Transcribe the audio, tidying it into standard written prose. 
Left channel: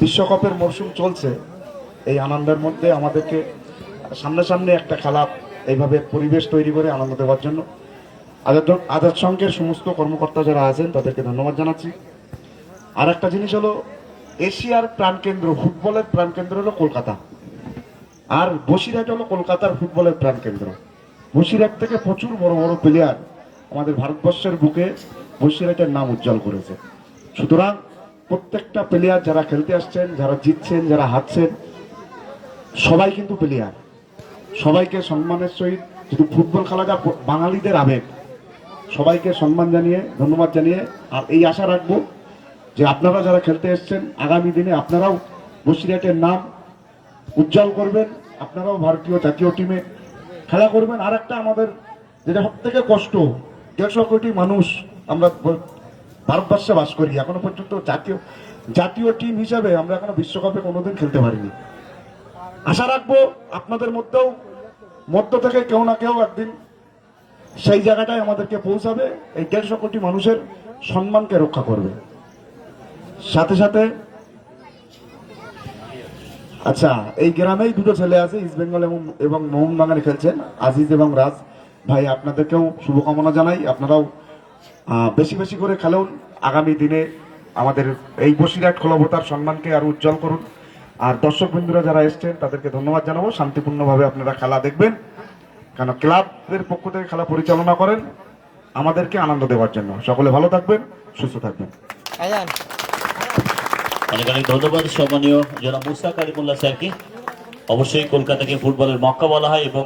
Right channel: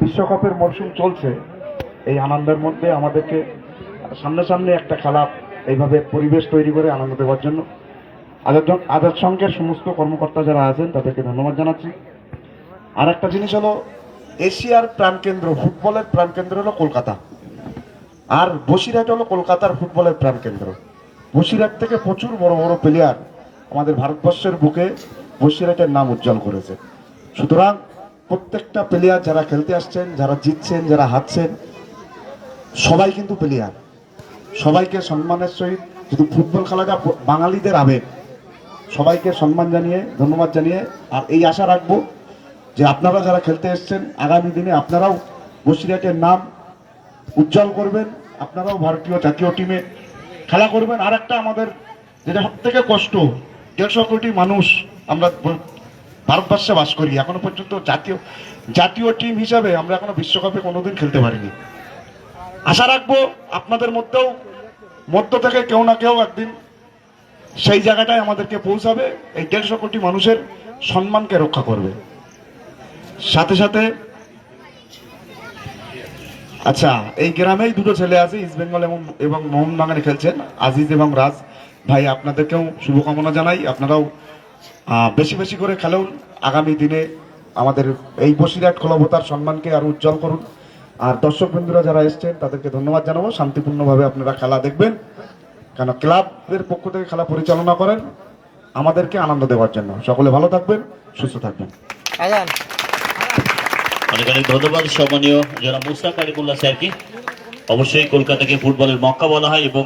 বিশ্বকাপের মরশুম চলছে, এই আনন্দের মধ্যে আমাদেরকে সামনে একটা খেলা এইভাবে পরিবেশ তৈরি করে আনন্দ দেওয়ার জন্য আজাদ সংঘের সমস্ত কর্মকর্তা যারা আছেন তাদেরকে ধন্যবাদ জানাচ্ছি। আর একটা জিনিস হলো, এশিয়ার প্রাণকেন্দ্র, ফুটবলের প্রাণকেন্দ্র হলো কলকাতা, আর বসিরহাট হলো কলকাতার ফুটবলের প্রাণকেন্দ্র। বসিরহাট থেকে প্রচুর বড় বড় প্লেয়ার আমাদের ভারতবর্ষের বুকে বসিরহাটের নাম উজ্জ্বল করেছে। সুতরাং প্রত্যেকটা প্লেয়ার যারা খেলতে আসছেন, যারা জিতছেন, যারা হারছেন, সবাই কিন্তু প্লেয়ার, সবাইকে সম্মানের সহিত, যদি ফুটবল খেলাটা বাঙালিদের আবেগ, সবাইকে সম্মান জানিয়ে, ধন্যবাদ জানিয়ে, আর এই আশা রাখবো যে আপনারা যারা খেলতে এসছেন আগামী দিনে আপনারাও বসিরহাটের নাম উজ্জ্বল করবেন, আপনারাও ভারতীয় জাতীয় টিমে খেলা করবেন। আর একটা আমাদের যেটা সব থেকে কষ্ট, 150 কোটি মানুষ আমরা ভারতবর্ষে বাস করি, এখনো পর্যন্ত জাতীয় টিম হিসাবে আমরা এখনো বিশ্বকাপে কোনোদিন খেলতে পারিনি। আশা রাখবো আপনাদের মধ্য থেকে কেউ না কেউ একদিন সেই জায়গাটায় আমাদেরকে পৌঁছাবে, এই 150 কোটি মানুষের সম্মানকে রক্ষা করবে। সাথে সাথে আচ্ছা, এই গ্রামেই দুটো ছেলে আছে, ইস্ট বেঙ্গল এবং মোহনবাগানে খেলছেন, আজিজ এবং রাজ ভাই, আপনাদেরকেও শুভকামনা জানাই। আপনারাও বেশি বেশি করে খেলুন, আগামী দিনে আমাদের এই বসিরহাট ক্লাবতার সম্মানকে আরো উজ্জ্বল করুন। আর দর্শক বন্ধুরা যারা এসছেন তাদেরকে ধন্যবাদ জানাবো। শান্তিপূর্ণভাবে আপনারা খেলা দেখবেন, কেন ক্লাবের পক্ষ থেকে খেলা পরিচালনা করেন আমাদেরকে আনন্দ দেওয়ার জন্য। সকলে ভালো থাকবেন, সুস্থ থাকবেন। অনেক অনেক ধন্যবাদ সম্মানীয় জনাব মুশতাক আলিমুল্লাহ স্যারকে। অবশ্যই কলকাতাকে ফুটবলের মক্কা বলা হয় এবং